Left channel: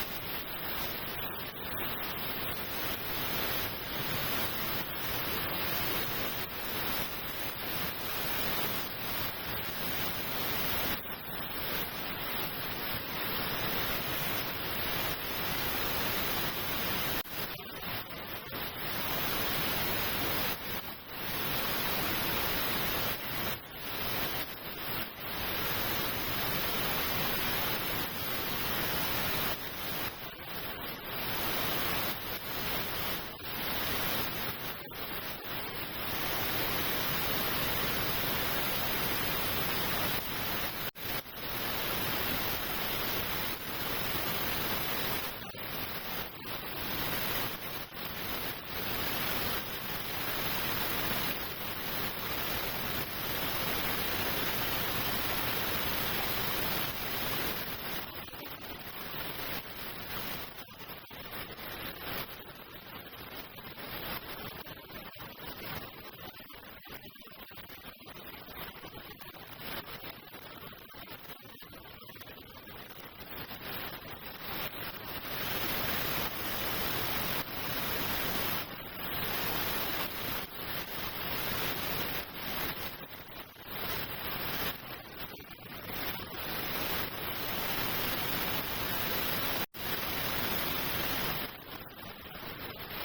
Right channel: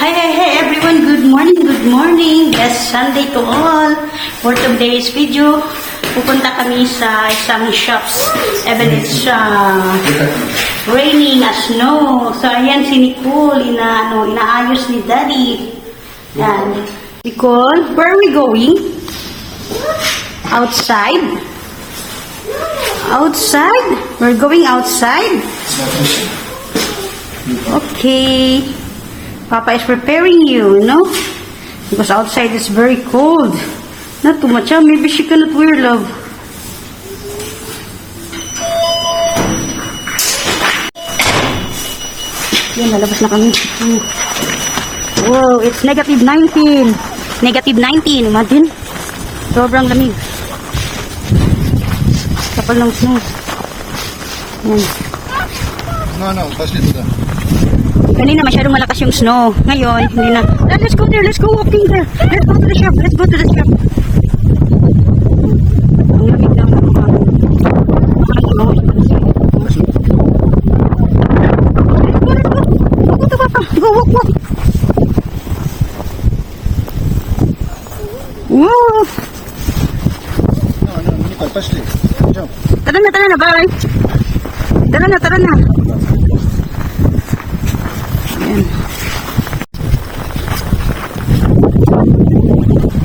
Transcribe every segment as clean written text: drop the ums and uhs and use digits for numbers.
Hey everyone, good morning. Yes, Sunday to all. For today's video, pupunta kami sa isang shops. Even it's raining as snow. So ayan si Nicole, inaayos ni Daddy. Yan. Nicole, where are we going? Outside? Outside? We're going outside? Okay. Papa is preparing you, no? Because outside is very cold. Not too much, huh? Maybe she cannot wear, love. Yan, lalabas na kami. Wow, it's negative 19. Negative 19, imagine. Sobrang lamig. Kapal ng snow. Yan. No, pass it to them. Kanina masyadong malakas yung snow. Ngayon, hindi na. Let's go there. Let's go walking there. Let's go to the shop. Let's go to the shop. Ang lamig na. Go to Papa. Go, walk. Woo! No, Nicole, pass it. Jump. Tara na, bye. Tara na. Ayan.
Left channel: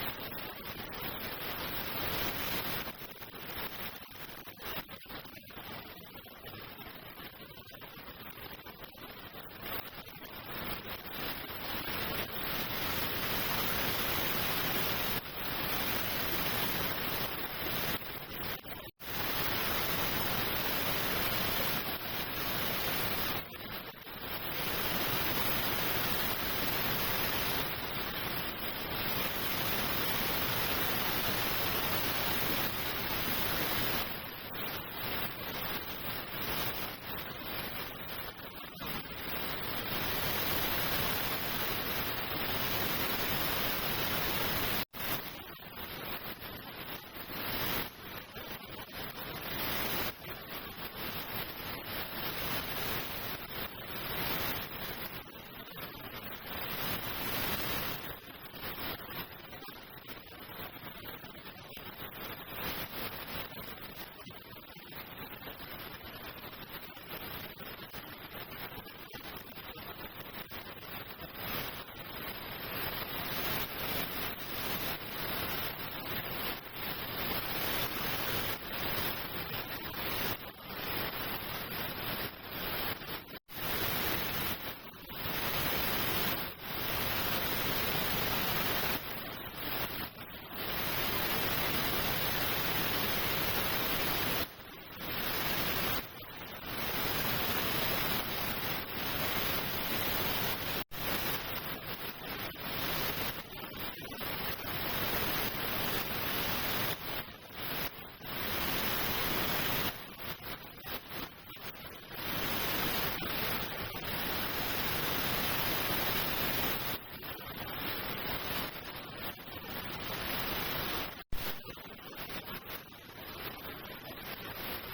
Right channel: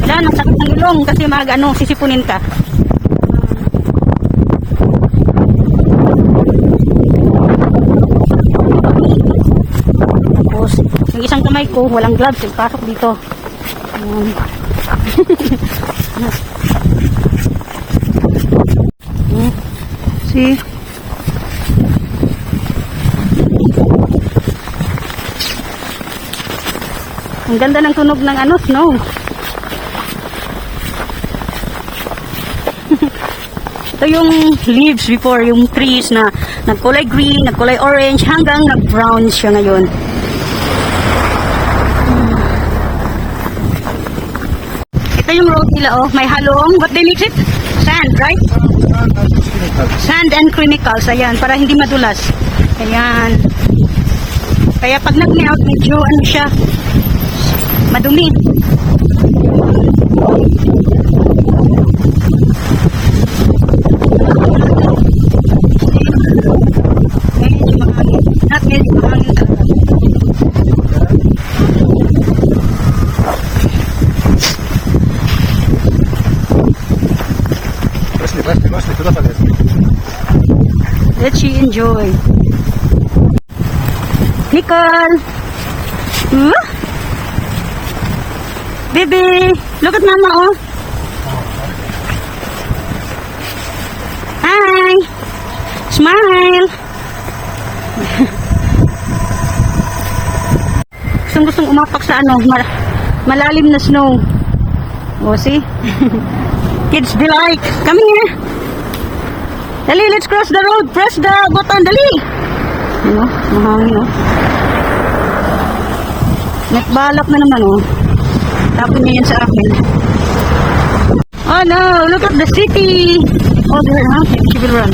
Wala, nasakit ng ilong kasi sisipunin ka. Tapos, yung isang kamay ko, walang gloves, pasok dito. Ayan. See? Ang ganda ng tunog ng snow. Ito yung leaves before, yung trees na nagkulay green, nagkulay orange, hanggang nag-brown siya ngayon. Ito yung road nila, may halong, what they mix it? Sand, right? Sand and chemicals, ayan, para hindi madulas. Ayan. Kaya pag nag-melt, medyo siya, madumi. Medyo mahangin. Not medyo mahangin talaga. Пошли, куда полез? Let she enjoy. Nicole! Baby! Look at mama, oh! Hi! Smile! Gustong umapak sa malalim na snow. Oh, see? Kids be like, come here! Dali, let's cross the road. Press the button, dali! Mahangin, Nagbalak na naman, Tapon niya yan sa akin. Oh no, look at the city. Oh, there, huh? She will run.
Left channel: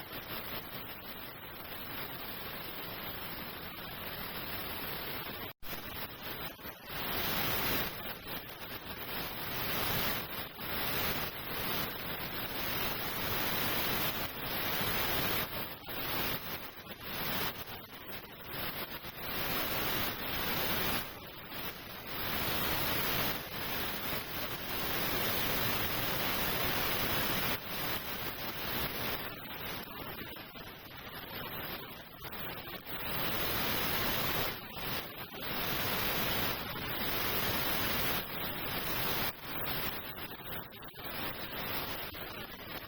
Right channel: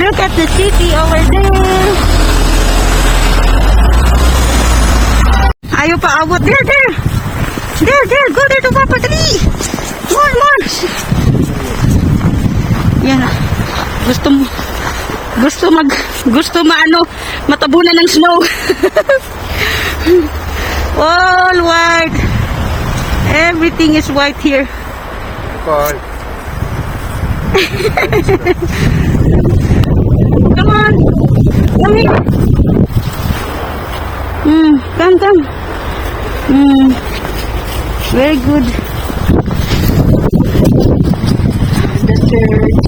Look at the city over there. Ayaw pa abot. There. Go there to Papa. Dali. More. Yan. Gusto matabunan ng snow. All white. Everything is white here. Bye. Come on. Come here. Come. Very good. The third.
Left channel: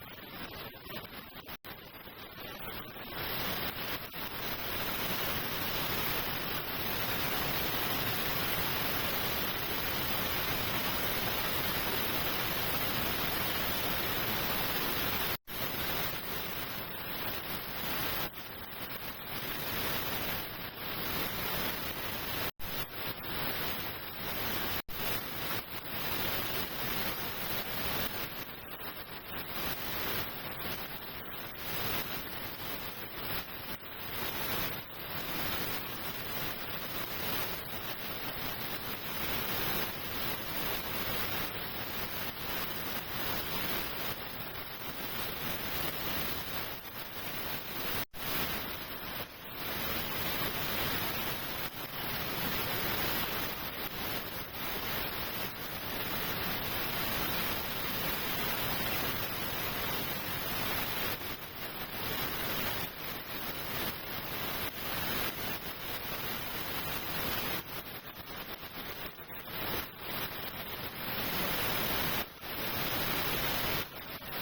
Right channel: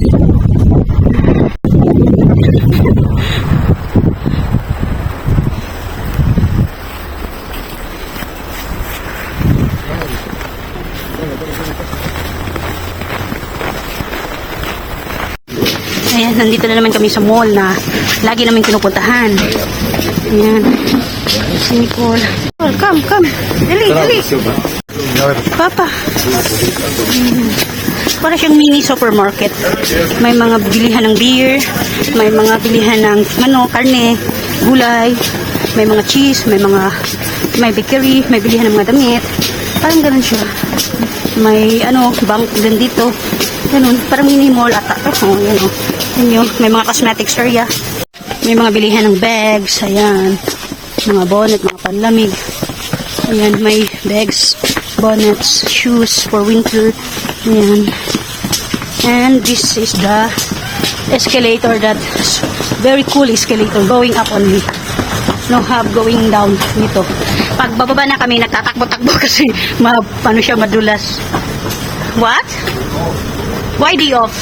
Ayan, nandito na naman kami sa mall na lagi namin pinupuntahan. Ayan. Si Nicole. Come. Dali. Papa. Para siyang mini supermarket. May mga bilihan ng beer, may mga bilihan ng karne, gulay. may mga cheese, may bakery, may bilihan ng mga damit. Parang ganun siya. May bank din dito. Ganun, parang mini mall ata to. Oh, yan oh. Yan yung, may mga cosmetics area. May mga bilihan ng bags, ayan. Mga bonnet, mga panlamig. Ayan, may bags, bonnets, shoes for winter. Ayan. And this is the escalator, that very cool escalator going up only. No hub going down dito. Pag bababa na kami, nagtatakbo-takbo kasi siya madulas. What? Why day off?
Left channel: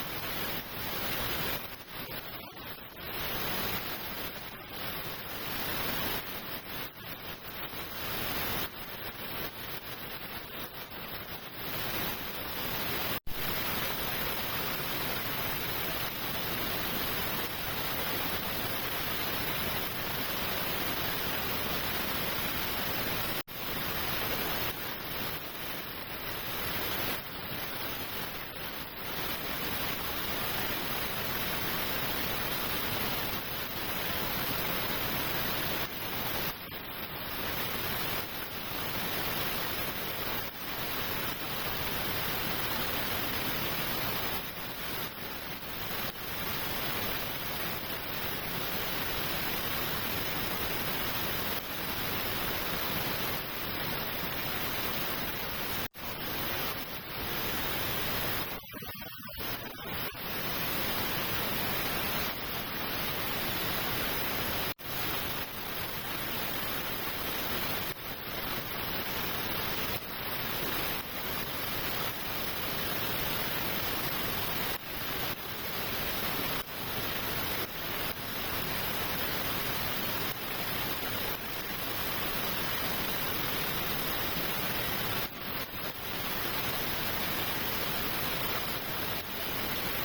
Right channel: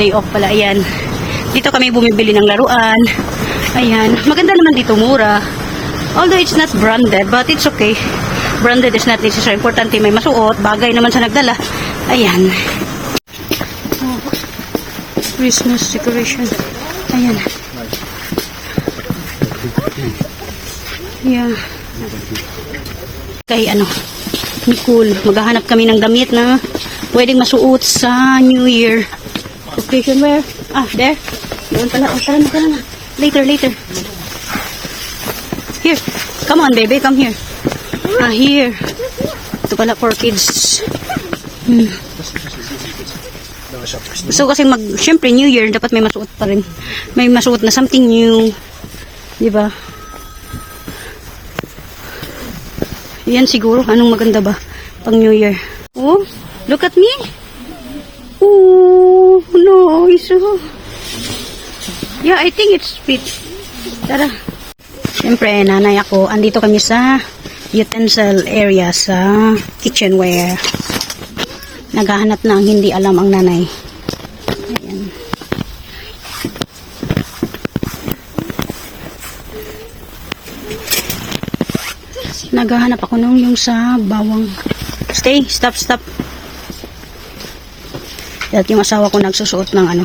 Day off pala, ayan. Dito kami bumibili ng laruan. Ayan, maganda naman dito, mura. Although it's not branded, but it's okay. Branded is not necessary. Importante may masuot. Bagay naman sa nagdala. Ayan. Oh, Christmas decoration. Ayan. Yeah. Kay Nicole, maghahanap kami ng damit na pwedeng masuot sa New Year. Occasion where? There. Doon pala. Tara na. Later. Here. Come on, baby. Come here. Here. Ito pala for kids. So, kasi syempre, New Year, dapat may masuot pa rin. May masuot na something new. Diba? Yan siguro. Anong maganda ba? Pang New Year. Oh, look at me. Oh, no. Yeah, I think it's fit. Tara. Siyempre, nanay ako. Andito kami sa utensil area sa kitchenware. Naghahanap ng hindi alam ang nanay. Ayan. Naghahanap ako nung yung sa bawang. Stop. At yung asawa ko nagsusuot ng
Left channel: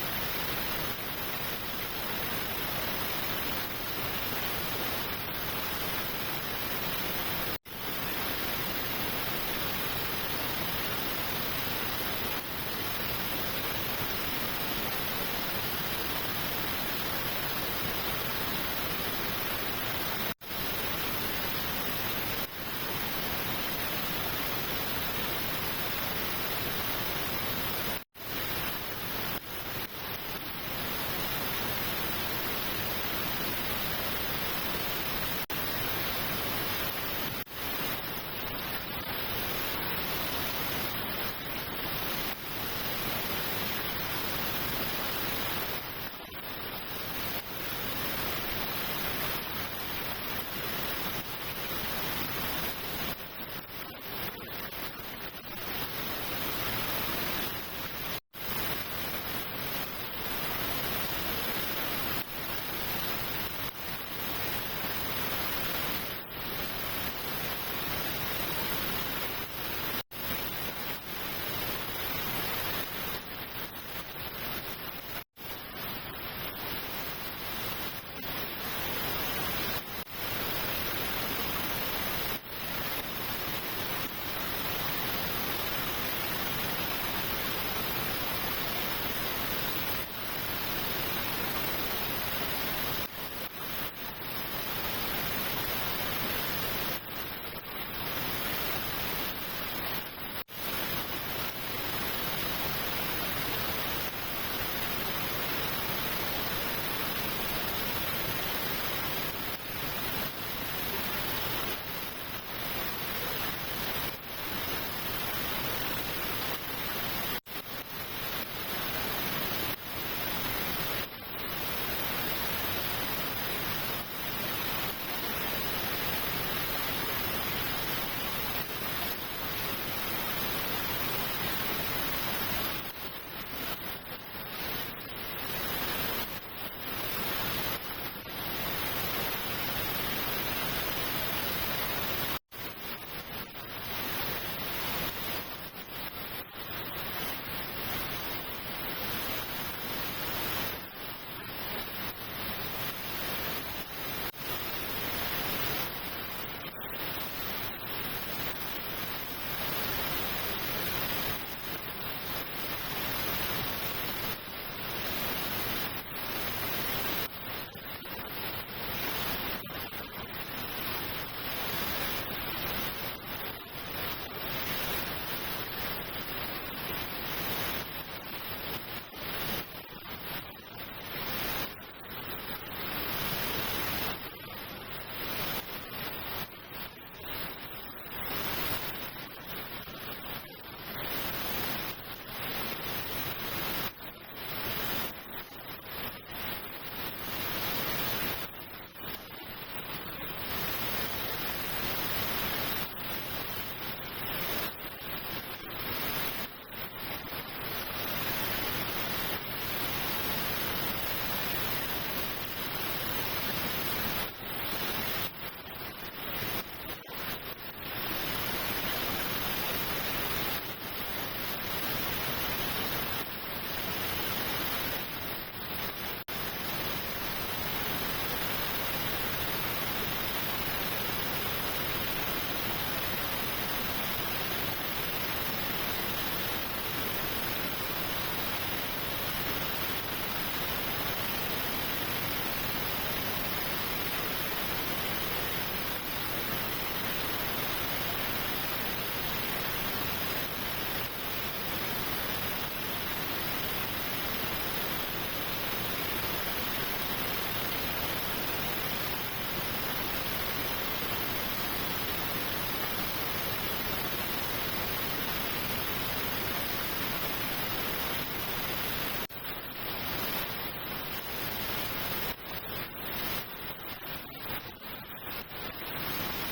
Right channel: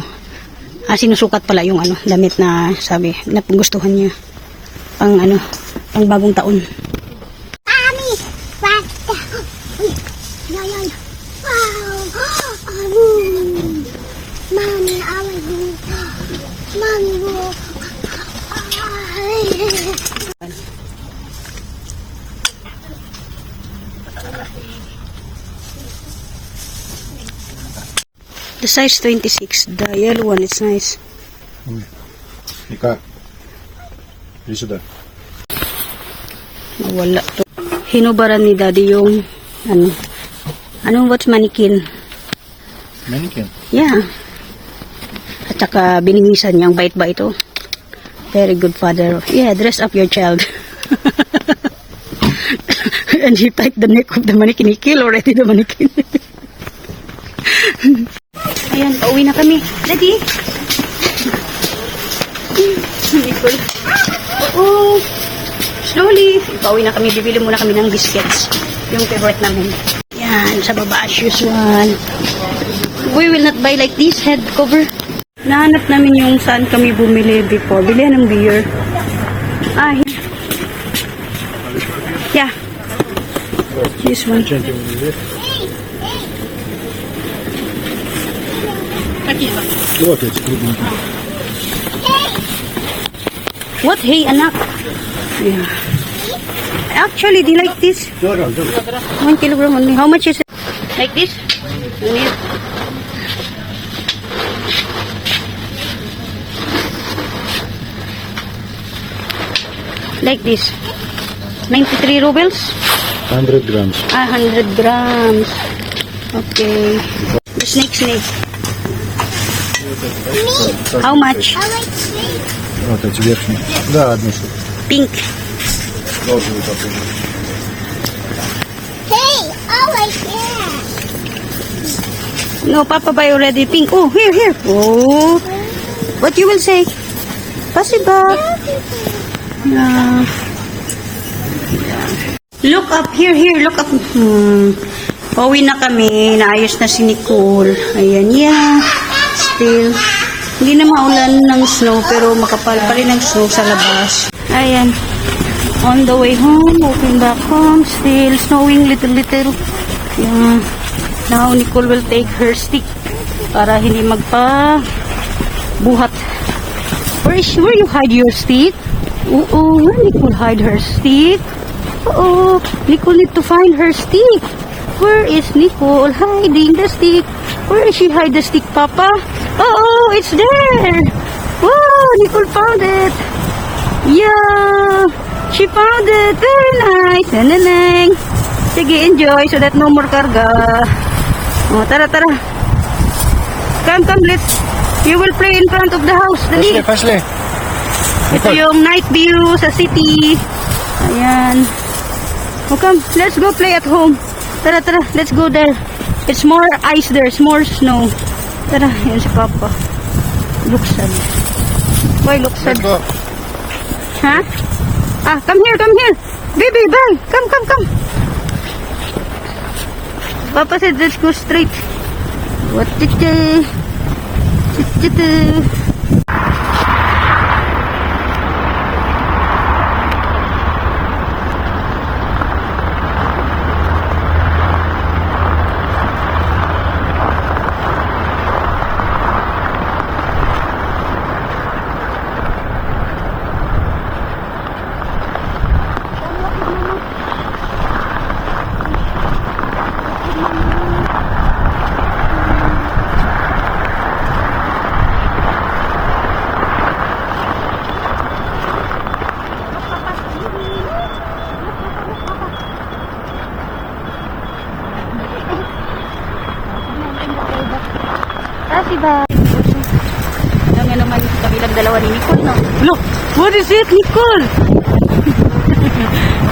sinusukat pala yung damit na sabi, na gustuhan niya. Pang bagong taon. The size 26, the yellow one, it's nice. Ika. Di sudar. Wala to. Hinubaran ni daddy yung what's mannequin? Mannequin? Yeah. At saka binimisan niyang bait ba ito? Very good father. Yeah, dress up your child. And he tied the neck of the mannequin. He killed already the mannequin. Ayan, pauwi na kami. Daddy! Nicole. Oh, slowly. Pauwi na kami. Bibili muna kami ng biscuits. Yung favorite namin. Yan, sa baba as usual. We will not buy like this head cover. Nahanap namin yung saan kami bumili before. Bilihan ng beer. Here. Yeah. This one. Вот эти крупненькие. What? Hey, anak. Yeah. Actually, they like this. 1 kilogram only. How much is it? Like this? Only. Like this. 93 rubles? 100 grams. 100 grams. Okay. Snake. How much? Вот эти верхние. Да, одну штуку. Pink. Розовый такой. Hey, I like that. No, Papa buy already pink. Oh, here. Oh. What you will say? Pass it back. Look up. Here. Look up. Pauwi na kami. Naayos na si Nicole. Ayan, yeah. Still. Hindi na maulan ng snow, pero makapal pa rin ang snow sa labas. Ayan. On the way home, walking back home, still snowing little. Yeah. Now, Nicole will take her stick para hindi magpa buhat. Where you hide your stick? Oh, where Nicole hide her stick? Oh, Nicole need to find her stick. Where is Nicole hiding the stick? Where is she hide the stick, Papa? Oh, it's there. Wow, Nicole found it. Yeah, she found it. Very nice. Nananang. Sige, enjoy so that no more karga. Oh, tara, tara. Come, you will play in front of the house. Dali. Пошли. Ito yung night view sa city. Ayan. Oh, come, let's go play at home. Tara, tara, let's go there. It's more ice there, it's more snow. Tara, yun si Papa. Looks sad. Why looks sad? Let's go. Huh? Ah, come here. Baby, bye. Come. Papa said let's go straight. What did you? Diba? Alam nga naman yung kabilang dalawa ni Nicole, no? Look! What is it, Nicole?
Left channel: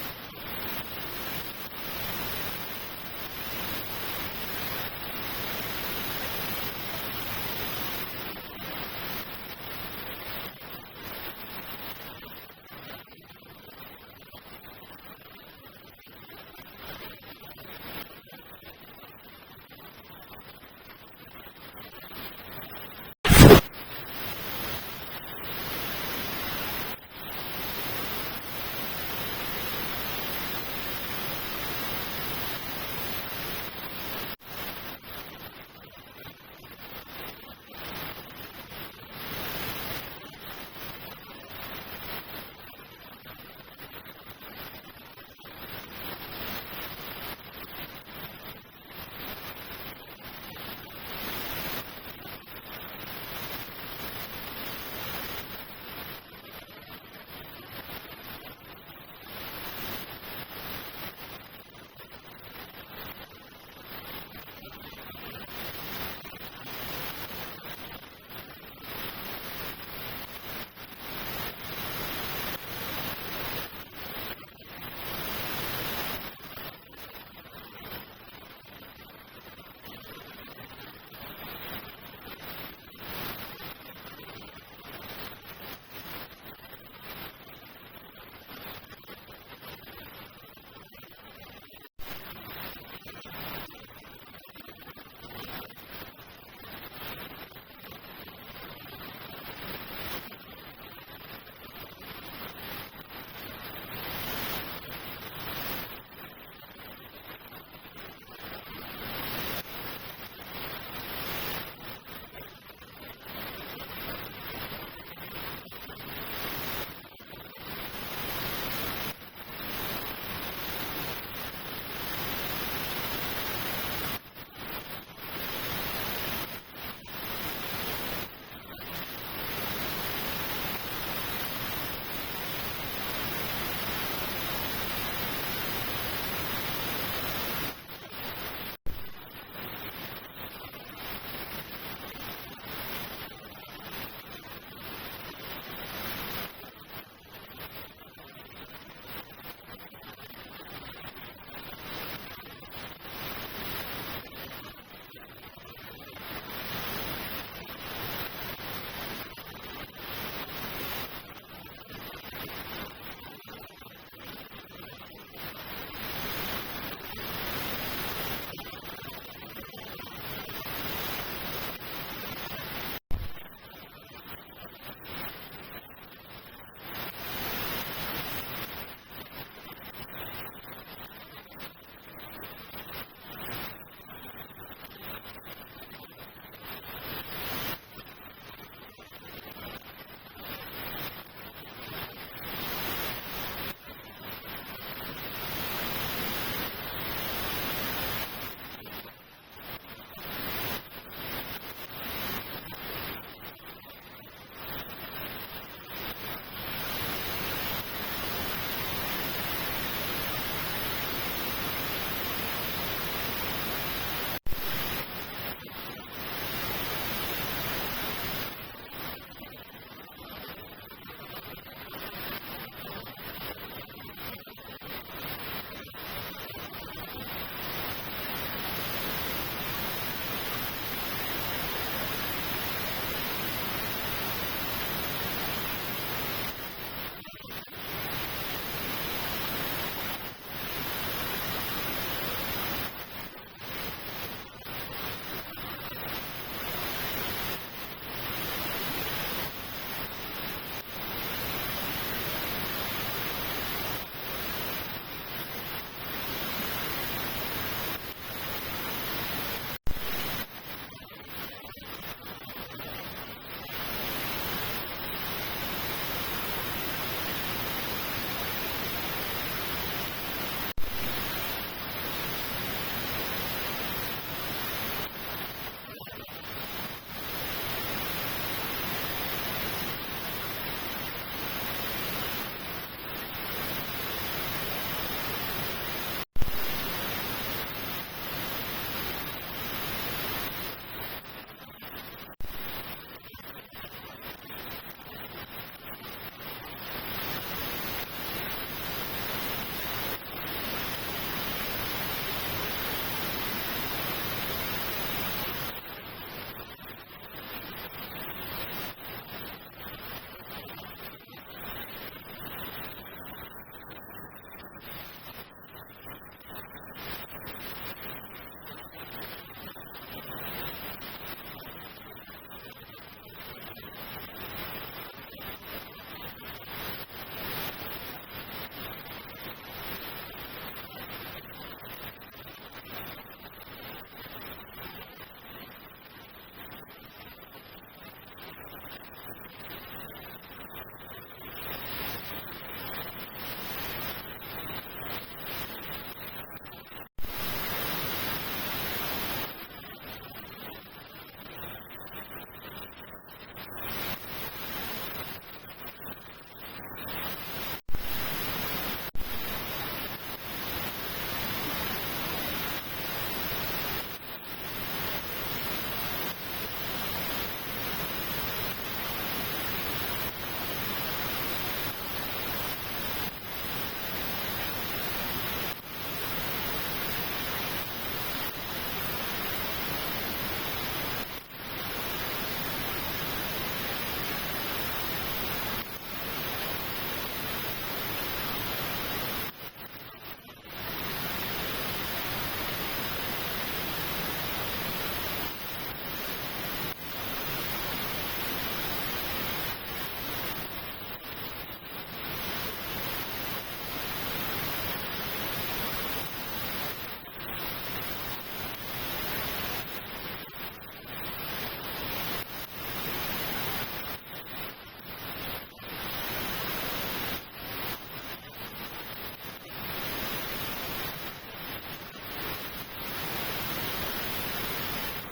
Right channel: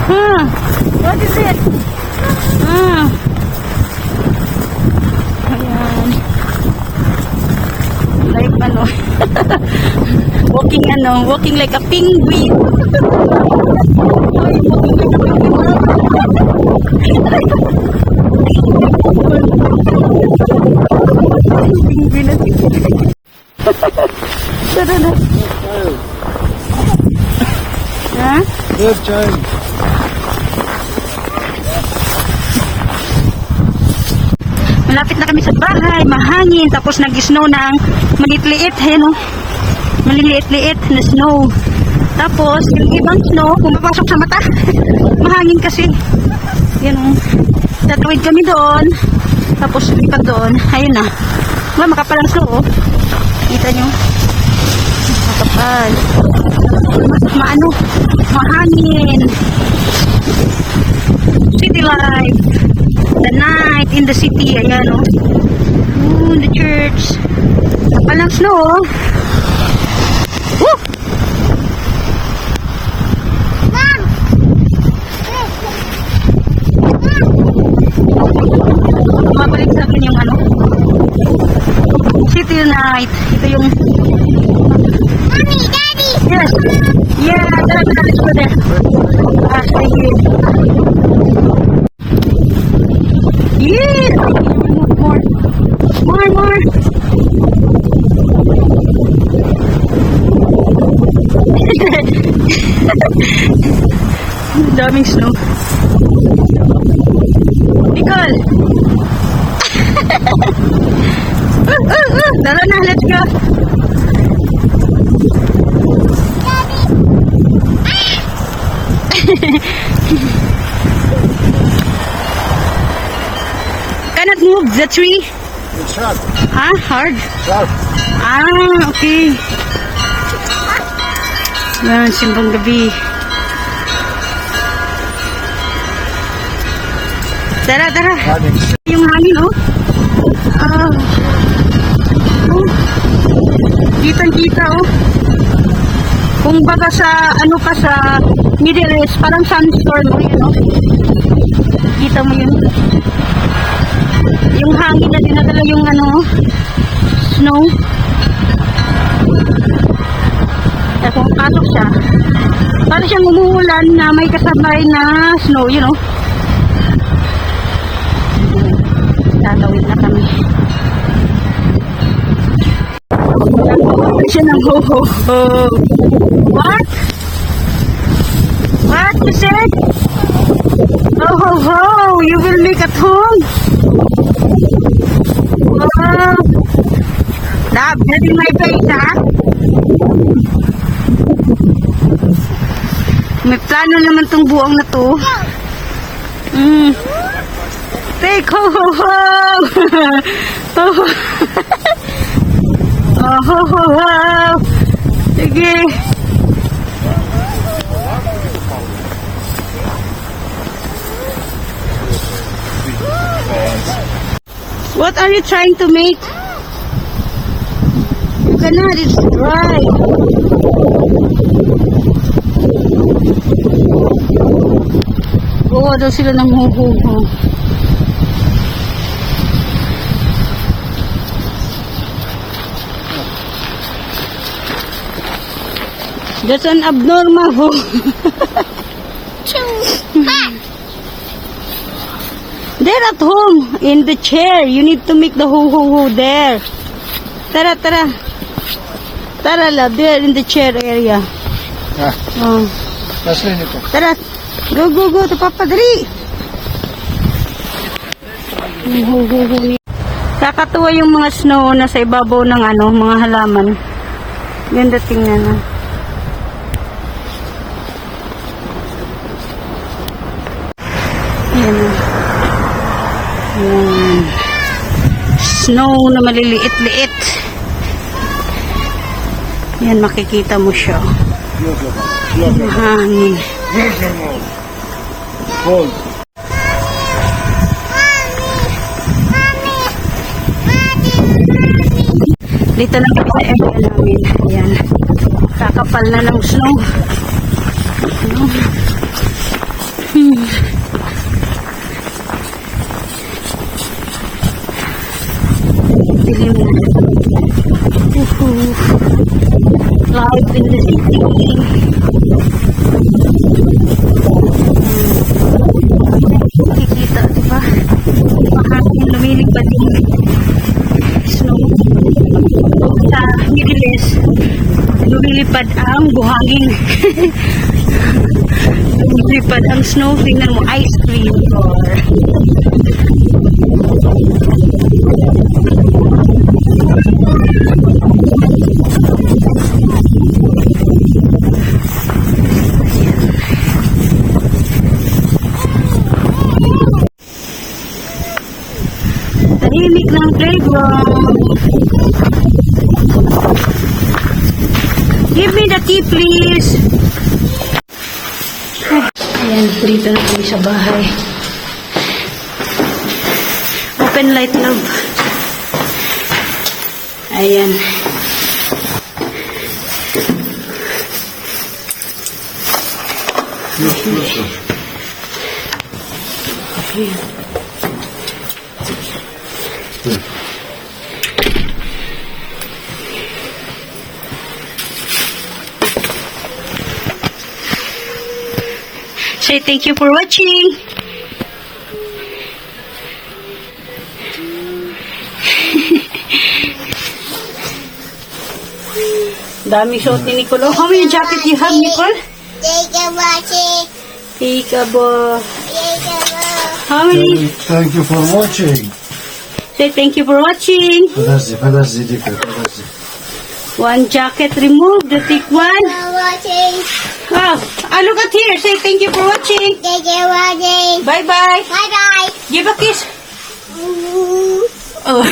Huh? What is it? Ayan. Like walking like a penguin. Tara na. Ha? Good child. Malapit na kami sa bahay, mahangin, tapos nag-snow ng maliit-liit, no? Maliliit-liit na snow. Tapos, yung ibang snow, pumapasok sa mata. Mahangin kasi. Yan, tatawid kami doon. Tapos, lipat doon. Ayun na. Diba, makapal ang snow, oh. Kita nyo? Makapal. Mahangin. City life. The night in the city. Ayan, oh. The church. Makapal ang snow, oh. Woo! Mabalik sa akin yung city night. Ito yung Mommy, Daddy. yes. Yeah, tara, let's go there. Stay here. Yeah. More. Daming snow. Nicole! Tara na, let's go! Cannot move the tree? It's sharp. Ah, hard? Sharp. Ah, okay. Yan, simbang gabi. Tara. Running. Yung hangin, oh. Kitang-kita, oh. Kung baga sa, sa Middle East, parang sandstorm, oh, yun, oh. Kita mo yun. Yung hangin na dinadala yung, snow. Kaya kung pasok siya, parang siyang umuulan na may kasabay na snow, you know. Tatawid na kami. Siya ng ho-ho-ho. What? What you said? Ho-ho-ho! You will make at home? Love, getting my face, ha? May plano naman tong buong na to. Take ho ho ho. Ho ho. Oh, ho ho ho. Sige. What are you trying to make? You cannot, it's dry. Oo, daw sila ng huhuho. That's an abnormal ho. They're at home, in the chair. You need to make the ho-ho-ho there. Tara, tara. Tara, love. There, in the chair area. Ah, Oh. pashli nito. Tara. Go, go, go. To Papa, dali. Ho-ho-ho. Kakatuwa yung mga snow na sa ibabaw ng mga halaman. Ganda tingnan na. Ayan na. Ayan. Snow na maliliit-liit. Yan, makikita mo siya. Mahangin. Cold. Dito na kami sa area namin. Ayan. Kakapal na ng snow. Ano? Dilim na. Live in the city. Kikita, diba? Mahangin, lumilipad yung snow. Sa Middle lumilipad ang buhangin. Lumilipad ang snow. Tingnan mo, ice cream or tahimik ng playground. Give me the key, please. Ayan, dito na kami sa bahay. Open light, love. Ayan. Ayan. Say thank you for watching. Dami suot ni Nicole. How many jacket you have, Nicole? Take a watching. Peekaboo. Take a watch. How many? Thank you for watching. Say thank you for watching. Подожди, Дика, подожди. One jacket removed. The thick one. Watching. Oh, look at here. Say thank you for watching. Take a watching. Bye-bye. Bye bye. Give a kiss. Oh.